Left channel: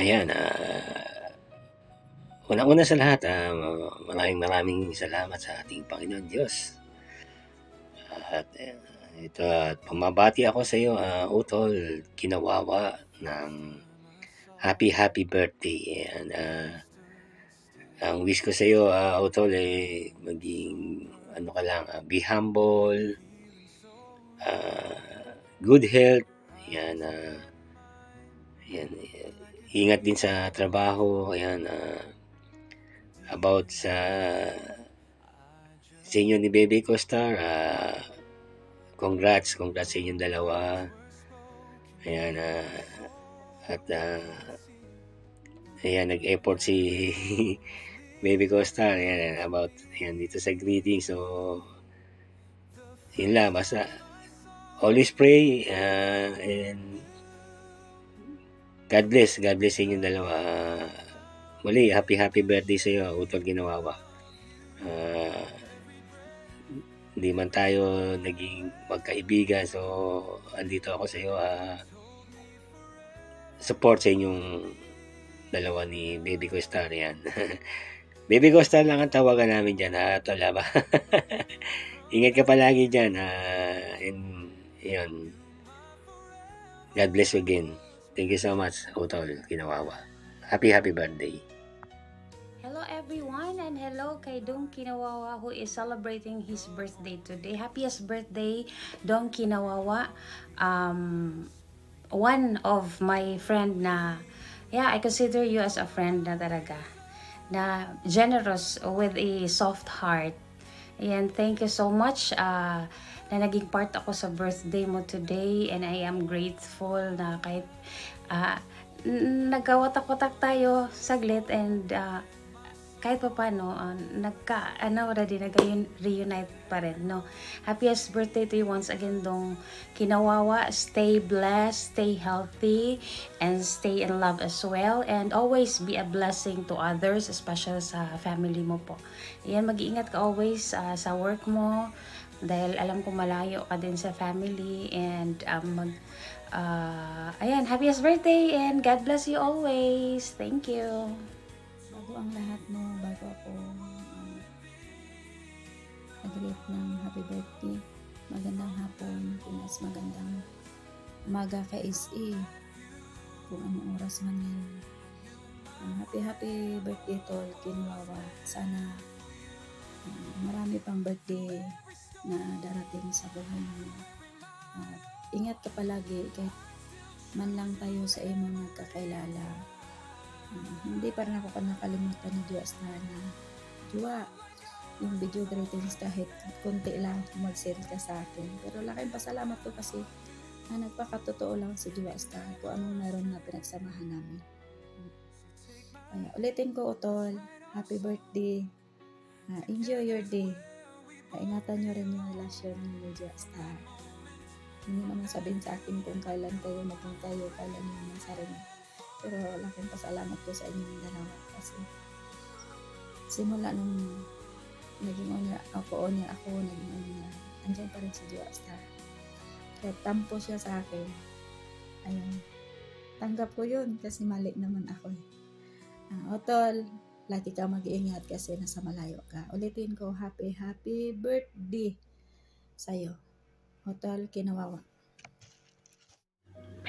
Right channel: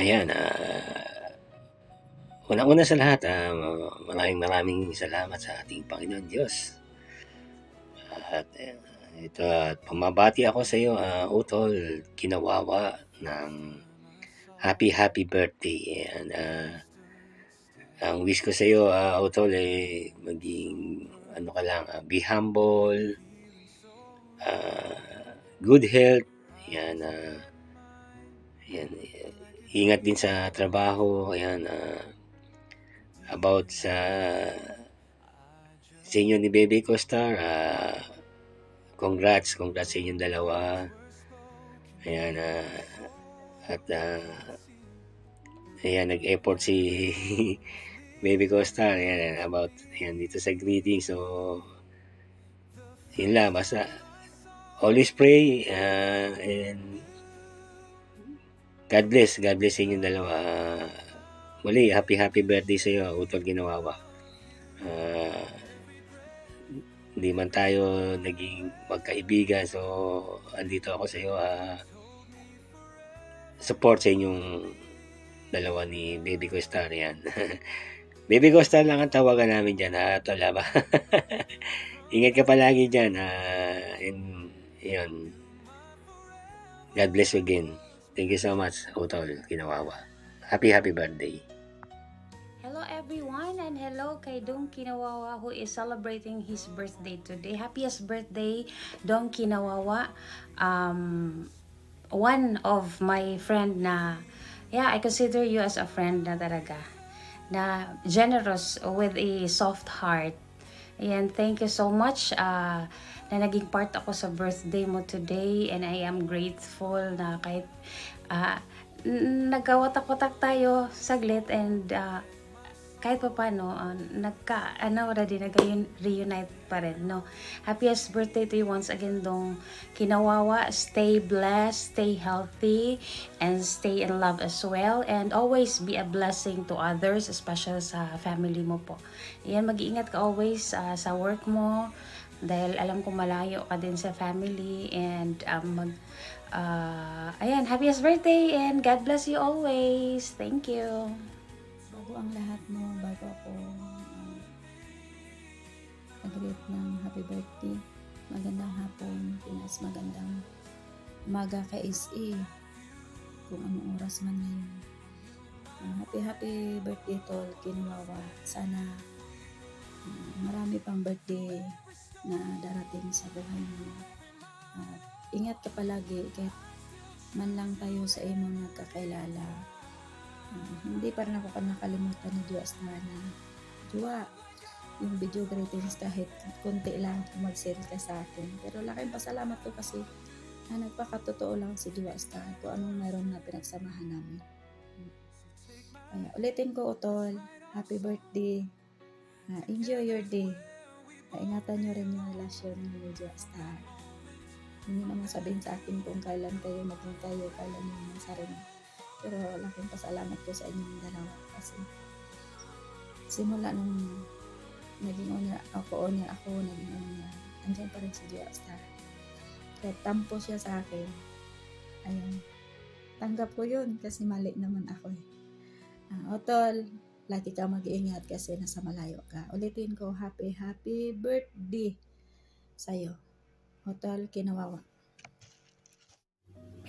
Ayan, unang-una sa lahat, maraming salamat sa ating Panginoon Diyos. At ito, pumabati ako sa iyo, Utol Kinawawa, ng happy birthday. Ayan, ang wish ko sa iyo, Utol, maging ka lang, be humble, good health. Ayan, ingat din sa trabaho. Ayan, about sa inyo ni Baby Costar, congrats sa inyong dalawa. Ayan, at ayan, nag-effort si Baby Costar, ayan, about ayan, dito sa greeting. So yun lang, basta always pray, and God bless sa inyong dalawa. Muli, happy birthday sa iyo, Utol Ginawawa. Hindi man tayo naging magkaibigan, so andito ako sa iyo, support sa inyong dalawa ni Baby Costar. Yan. Baby Costar lang ang tawagan namin dyan, Tol, ba? Ingat ka palagi dyan, and yun, God bless you again. Thank you so much, Utol Ginawawa. Happy birthday. Hello everyone, and hello kay Dong Kinawawa who is celebrating his birthday today. Happiest birthday, Dong Kinawawa. One of my friend na, I consider you as a friend na talaga, na generous with a soft heart. Ayan, thank you so much na naging part ako sa birthday mo today, and I am grateful na kahit nagkawatak-watak tayo saglit, and kahit pa paano, nag-reunite pa rin, no? Happiest birthday to you once again, Dong Kinawawa. Stay blessed, stay healthy, and stay in love as well. And always be a blessing to others, especially sa family mo po. Ayan, mag-iingat ka always sa work mo, dahil alam ko malayo ka din sa family. And ayan, happiest birthday, and God bless you always. Thank you. Bago ang lahat, no, bago ako nag-greet ng happy birthday, magandang hapon, Pinas, magandang umaga kay SE, kung anong oras man ngayon. Happy birthday, Tol Kinawawa. Sana marami pang birthday na darating sa buhay mo. Ingat ka palagi, kahit man lang tayo sa imo nagkakailala. Hindi pa rin ako nakalimutan ni Diyos na Jua, yung video greetings kahit konti lang mag-send ka sa akin. Pero laking pasalamat ko kasi nagpakatotoo lang si Diyos kung anong meron na pinagsamahan namin. Kaya ulitin ko, Utol, happy birthday. Enjoy your day. Ingatan nyo rin yung relasyon niyo ni Diyos. Hindi naman sabihin sa akin kung kailan kayo maging kayo, kailan yung sarili. Pero laking pasalamat ko sa inyong dalawa kasi simula nung naging owner ako, naging owner, andyan pa rin si Diyos. Kaya tampo siya sa akin. Ayan. Tanggap ko yun kasi mali naman ako. Otol, lagi ka mag-iingat kasi nasa malayo ka. Ulitin ko, happy birthday sa'yo, Otol Kinawawa.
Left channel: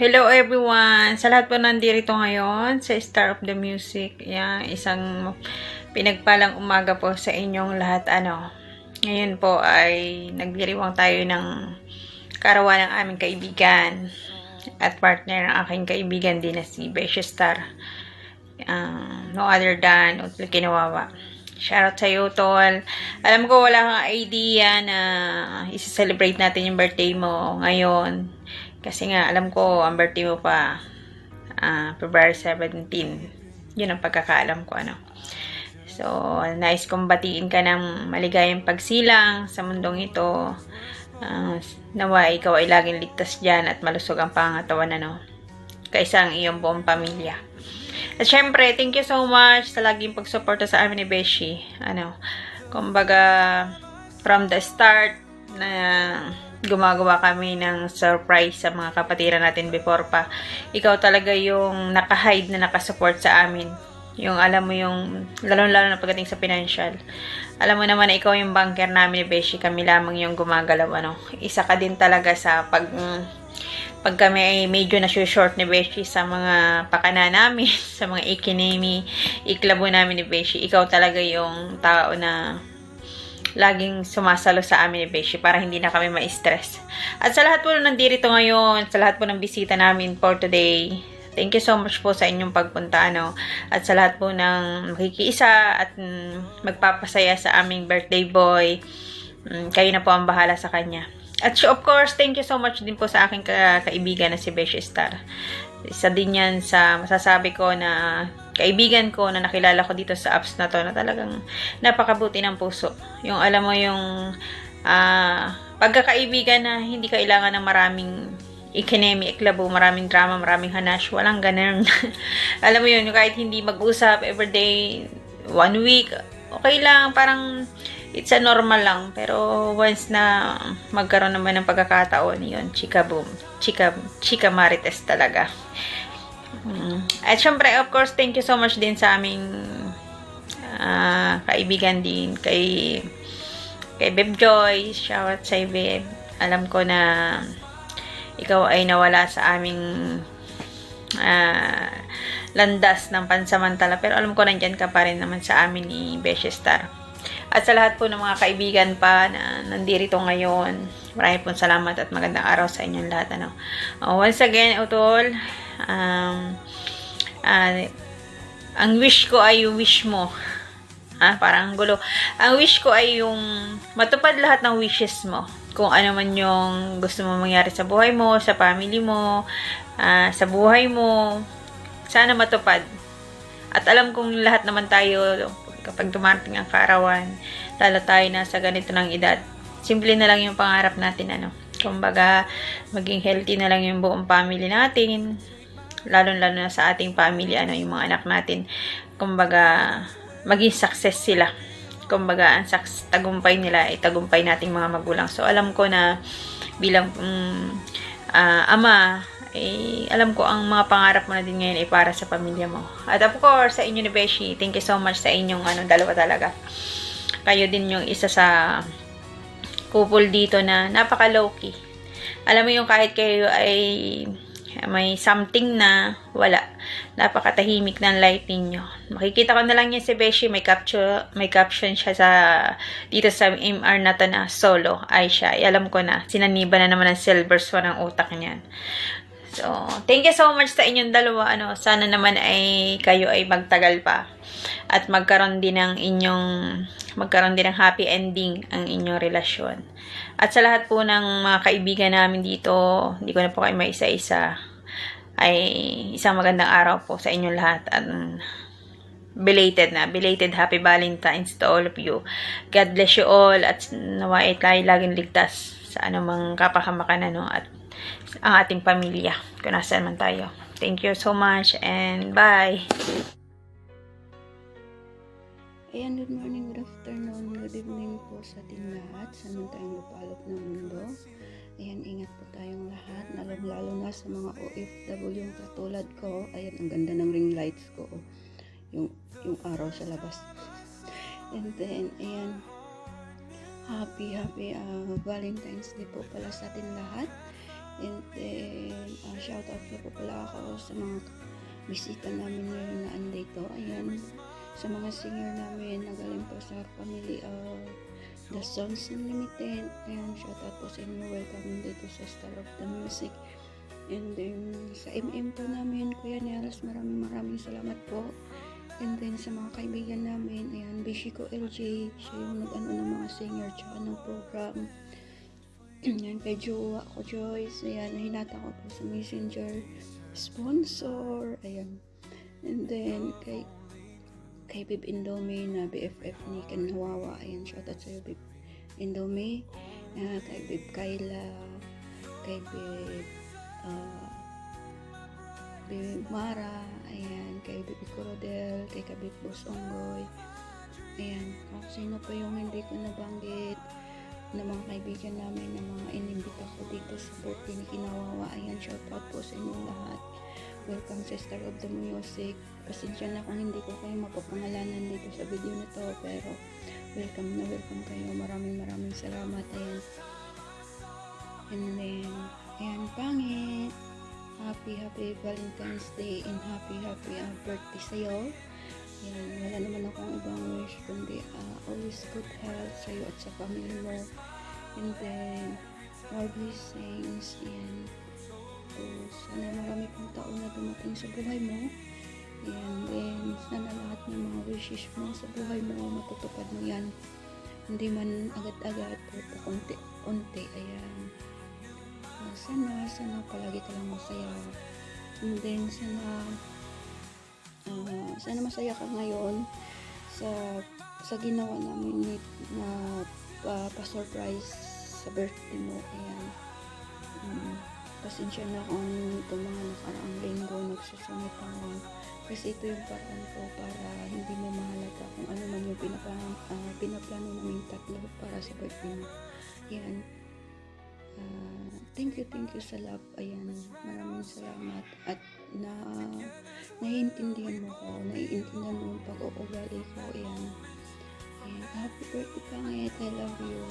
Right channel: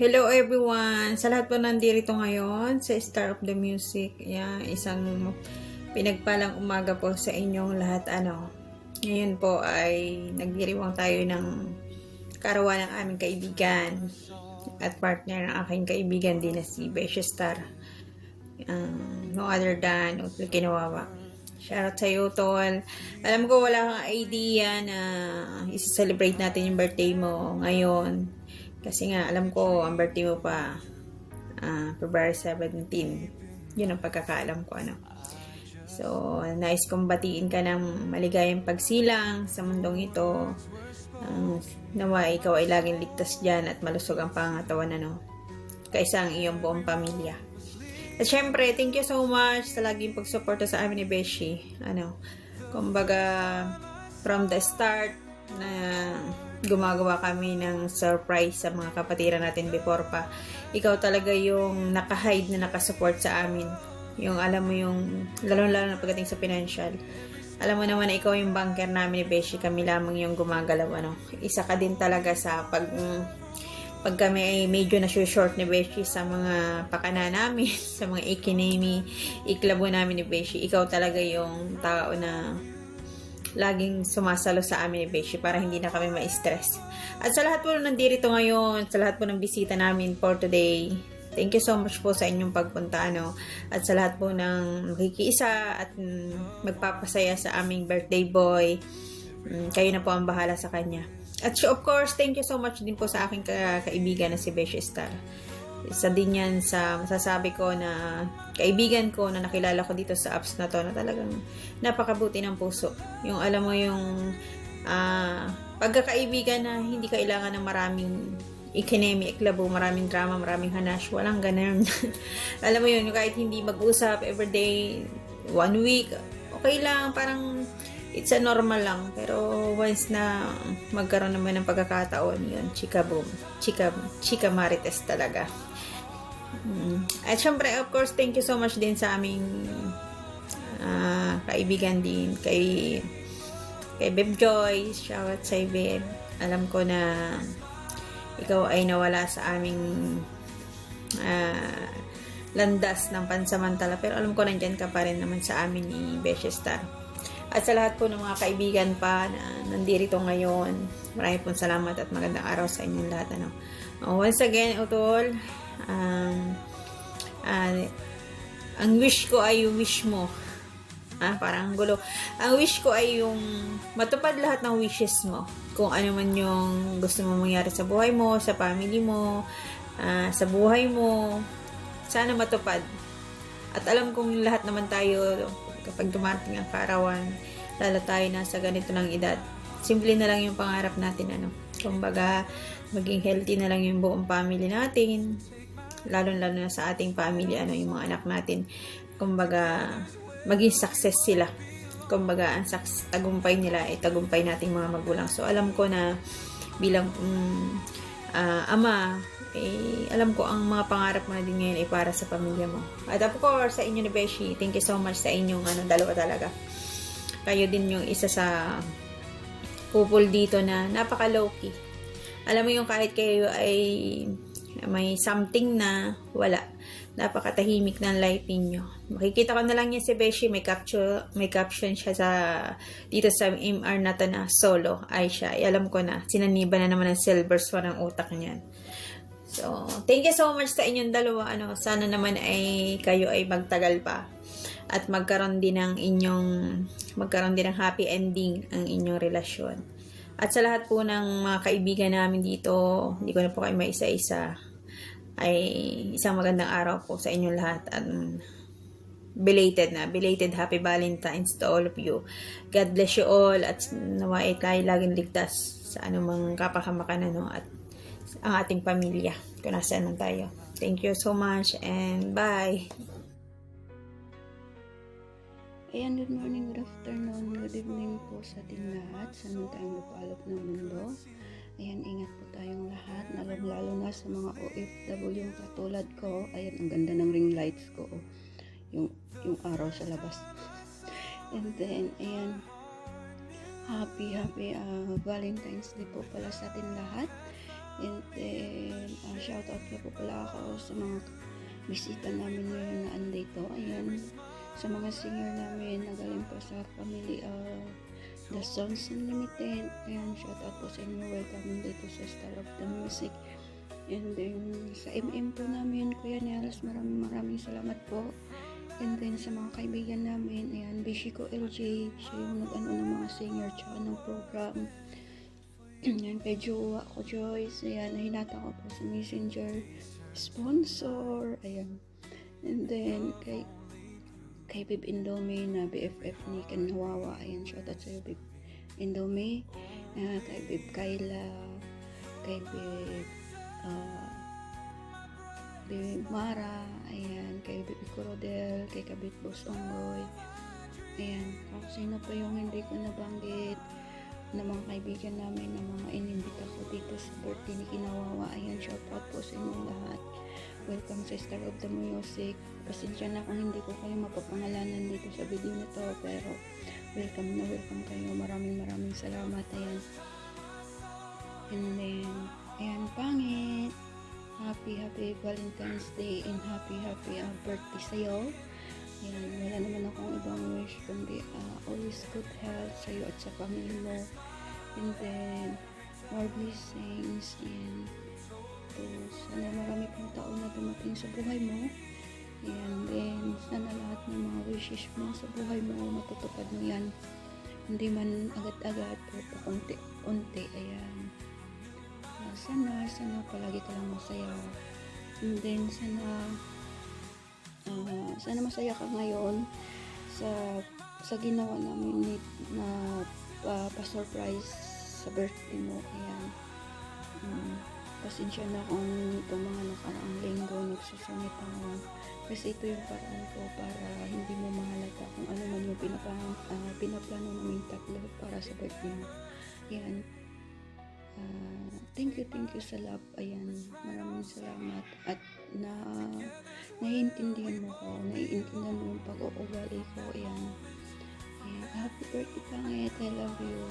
Hello everyone! Sa lahat po nandito ngayon sa Star of the Music. Isang pinagpalang umaga po sa inyong lahat. Ngayon po ay nagdiriwang tayo ng karawan ng aming kaibigan at partner ng aking kaibigan din na si Beshi Star. No other than Utol Kinawawa. Shoutout sa iyo, Tol. Alam ko wala kang idea na isa-celebrate natin yung birthday mo ngayon. Kasi nga, alam ko, ang birthday mo pa, February 17. Yun ang pagkakaalam ko, So, nice kong batiin ka ng maligayang pagsilang sa mundong ito. Nawa, ikaw ay laging ligtas dyan at malusog ang pangatawan, kaysa ang iyong buong pamilya. At syempre, thank you so much sa laging pagsuporta sa amin ni Beshi. Kumbaga, from the start, na gumagawa kami ng surprise sa mga kapatiran natin before pa. Ikaw talaga yung naka-hide na nakasupport sa amin. Yung alam mo yung, lalo-lalo na pagdating sa financial. Alam mo naman na ikaw yung banker namin ni Beshi, kami lamang yung gumagalaw, ano. Isa ka din talaga sa pag kami ay medyo na-short ni Beshi sa mga pakana namin, sa mga iklabo namin ni Beshi, ikaw talaga yung tao na laging sumasalo sa amin ni Beshi para hindi na kami ma-stress. At sa lahat po na nandito ngayon, sa lahat po ng bisita namin for today, thank you so much po sa inyong pagpunta, ano? At sa lahat po ng makikiisa at magpapasaya sa aming birthday boy, kayo na po ang bahala sa kanya. At of course, thank you so much din po sa aking kaibigan na si Beshi Star. Isa din yan sa masasabi ko na kaibigan ko na nakilala ko dito sa apps na to na talagang napakabuti ng puso. Yung alam mo yung pagkakaibigan na hindi kailangan ng maraming iklabo, maraming drama, maraming hanash, walang ganun. Alam mo yun, kahit hindi mag-usap everyday, 1 week, okay lang, parang it's a normal lang. Pero once na magkaroon naman ng pagkakataon, yun, chika boom, chika marites talaga. At syempre, of course, thank you so much din sa aming kaibigan din, kay Beb Joy. Shout out sa Beb. Alam ko na ikaw ay nawala sa aming landas ng pansamantala, pero alam ko nandyan ka pa rin naman sa amin ni Beshi Star. At sa lahat po ng mga kaibigan pa na nandito ngayon, maraming pong salamat at magandang araw sa inyong lahat, ano. Once again, Utol, ang wish ko ay yung wish mo. Parang gulo. Ang wish ko ay yung matupad lahat ng wishes mo. Kung ano man yung gusto mo mangyari sa buhay mo, sa family mo, sa buhay mo, sana matupad. At alam kong lahat naman tayo, kapag dumating ang kaarawan, lalo tayo na sa ganito ng edad, simple na lang yung pangarap natin, ano. Kumbaga, maging healthy na lang yung buong family natin, lalo na sa ating family, ano, yung mga anak natin. Kumbaga, maging success sila. Kumbaga, ang tagumpay nila ay tagumpay nating mga magulang. So, alam ko na bilang ama, alam ko ang mga pangarap mo na din ngayon ay para sa pamilya mo. At of course, sa inyo ni Beshi, thank you so much sa inyong dalawa talaga. Kayo din yung isa sa couple dito na napaka low-key. Alam mo yung kahit kayo ay may something na wala, napakatahimik ng light ninyo. Makikita ko na lang yan si Beshi, may caption siya dito sa MR na to na solo, ay siya. Alam ko na, sinaniba na naman ng silvers mo ng utak niyan. So, thank you so much sa inyong dalawa, ano. Sana naman ay kayo ay magtagal pa at magkaroon din ng happy ending ang inyong relasyon. At sa lahat po ng mga kaibigan namin dito, hindi ko na po kayo maisa-isa, ay isang magandang araw po sa inyong lahat. At belated happy Valentine's to all of you. God bless you all at nawa ay tayo laging ligtas sa anumang kapahamakan, ano, at ang ating pamilya kung nasaan man tayo. Thank you so much and bye! Ayan, good morning, good afternoon, good evening po sa ating lahat, sa man tayong lupalop ng mundo. Ayan, ingat po tayong lahat, lalo na sa mga OFW yung katulad ko. Ayan, ang ganda ng ring lights ko, yung araw sa labas. And then, ayan, happy Valentine's Day po pala sa ating lahat. And then, shout out na po pala ako sa mga bisita namin ngayon na andito. Ayan, sa mga singer namin na galing po sa family The Songs Unlimited. Ayan, shout out po sa inyo. Welcome dito sa Star of the Music. And then, sa MM po namin, Kuya Niels, maraming salamat po. And then, sa mga kaibigan namin, ayan, Beshi ko LJ, siya yung nag-ano ng mga singer tsaka ng program. Ayan, kay Jowa ko Joyce, ayan, hinata ko po sa Messenger sponsor, ayan. And then, kay Bib Indomie na BFF ni Ken Hawawa, ayan, shoutout sa'yo Bib Indomie, kay Bib Kayla, kay Bib Mara, ayan, kay Bib Corodel, kay Kabit Boss Onggoy, ayan, kung sino pa yung hindi ko nabanggit, ng mga kaibigan namin, ng mga inimbita ko dito sa birthday ni Kinawawa. Ayan, shoutout po sa inyong lahat. Welcome sa Star of the Music. Pasensya na kung hindi ko kayo mapapangalanan dito sa video na to, pero welcome na welcome kayo. Maraming salamat. Ayan. And then, ayan, pangit. Happy Valentine's Day and happy birthday sa'yo. Yan, wala naman akong ibang wish kundi always good health sa'yo at sa family mo. And then, more blessings. Yan. So, sana marami pang taon na dumating sa buhay mo. Yan. Then, sana lahat ng mga wishes mo sa buhay mo, matutupad mo yan. Hindi man agad-agad, pero pakunti-unti. Ayan. Sana palagi ka lang masaya. And then, sana masaya ka ngayon sa ginawa namin na pa-surprise sa birthday mo. Ayan. Pasensya na kung itong mga nakaraang linggo nagsusungit ako, kasi ito yung paraan ko para hindi mo mahalata kung ano man yung pinaplano namin tatlo para sa birthday mo. Ayan. Thank you sa love. Ayan, maraming salamat at naiintindihan mo mo yung pag-uugali ko. Ayan. Happy birthday, pangit. I love you.